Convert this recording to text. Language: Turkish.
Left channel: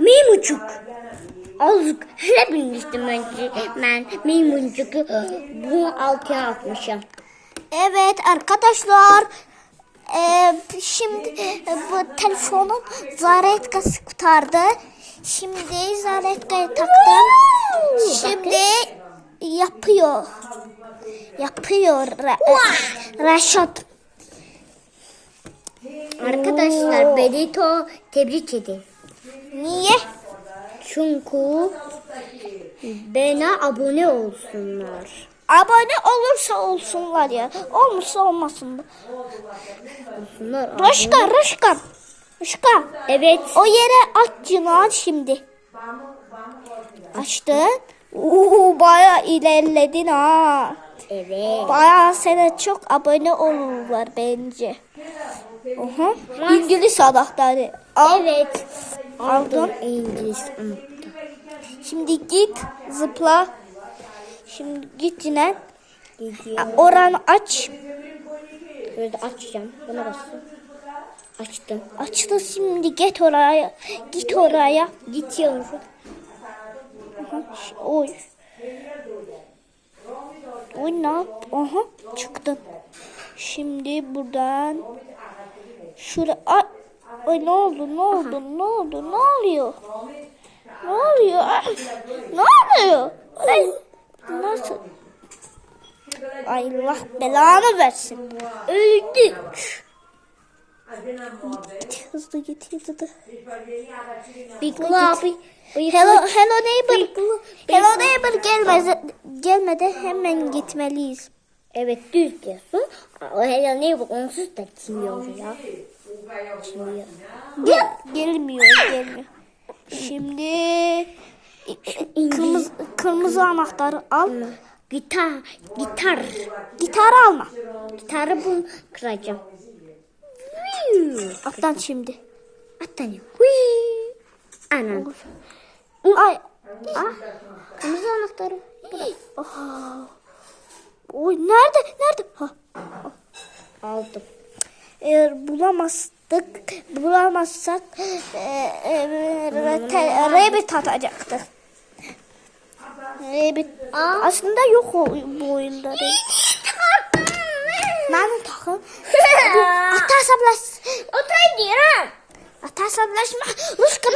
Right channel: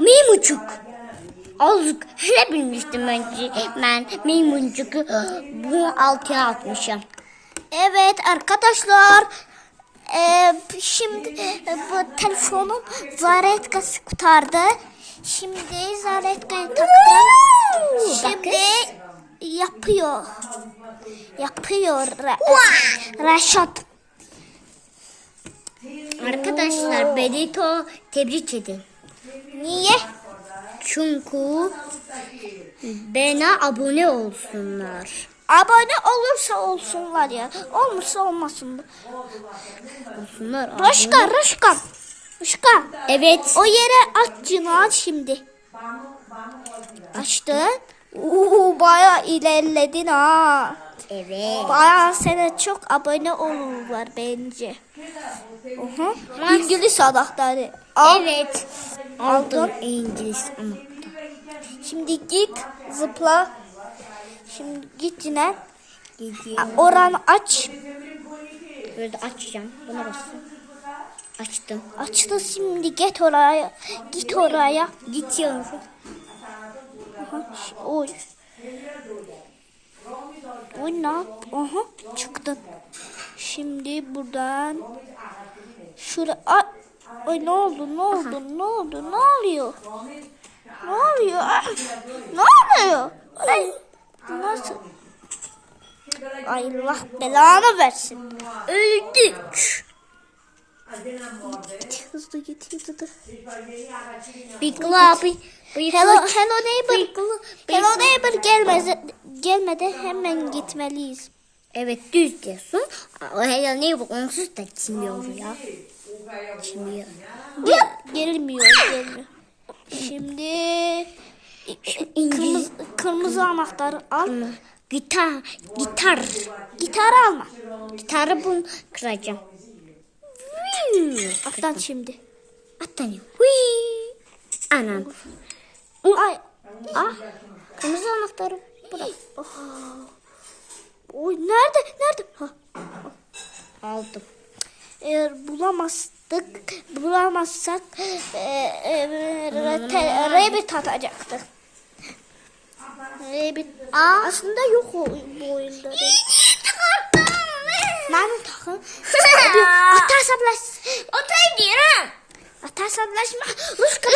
Meymuncuk. Azıcık hele bilmiştim önce ben meymuncuku bu altıya atmışım. Evet arkadaşlar. eee, şimdi e, bu telefonun zaretkası kurtardı. Şimdi zaretkayı taktım. Şimdi yapıyor. Yapıyor Ra- e, Raşat. Arkadaşlar Benito tebrik edin. Niye? Çünkü bana abone olsunlar. Abone olursa olsunlar ya. Olmazsa olmasın. Olsunlar. Raşka, Raşka. Raşka. Evet. O yere at Cinan şimdi. Açtın. Oo, bayağı ilerledin ha. Evet. Bayağı sana çok abone olurlar bence. Oha. İngiliz anahtarı. Al. Evet. Aldım. İngiliz anahtar. Şimdi git zıpla. Şimdi git Cinan. Gidiyorum. Oranı aç. Böyle açacağım. Buna basın. Açtım. Açtı şimdi git oraya. Git oraya. Gidiyorum. Aha, Oy. Oy ne yap? Aha çıktın. Şimdi buradan şura Ay, ne oldu? Ne oldu? Ne oldu? Ne oluyor? Ne oluyor? Ah, Ne oluyor? Ay, nasıl? Ay Allah belanı versin. Öldük. Git hızlı git hızlı. Big abi. Hello, hello neighbor. Hello neighbor gelmedi, gelmedi hemen gitmeliyiz. Evet düz diyorsun. O hele ne bu onsuz da kimyor ya. Kimyor. Gel, gelmiyor, gelmiyor. Şimdi kırmızı, kırmızı anahtarı al. Gitar. Gitar. Gitarı alma. Gitarı bunu kıracağım. Attan şimdi. Atlanıyor. Hui. Anam. Ay. Ah. Kırmızı anahtarı. Aha. Oy nerede? Nerede? Ha. Aldım. Eğer bulamazdık, bulamazsak e, e, Rabbit atacaktı. Rabbit. Aslında yok o, bu oyunda. Nerede takım? Hadi atarsan Otur diyorum. Atarsan bulaşma. Rus kadar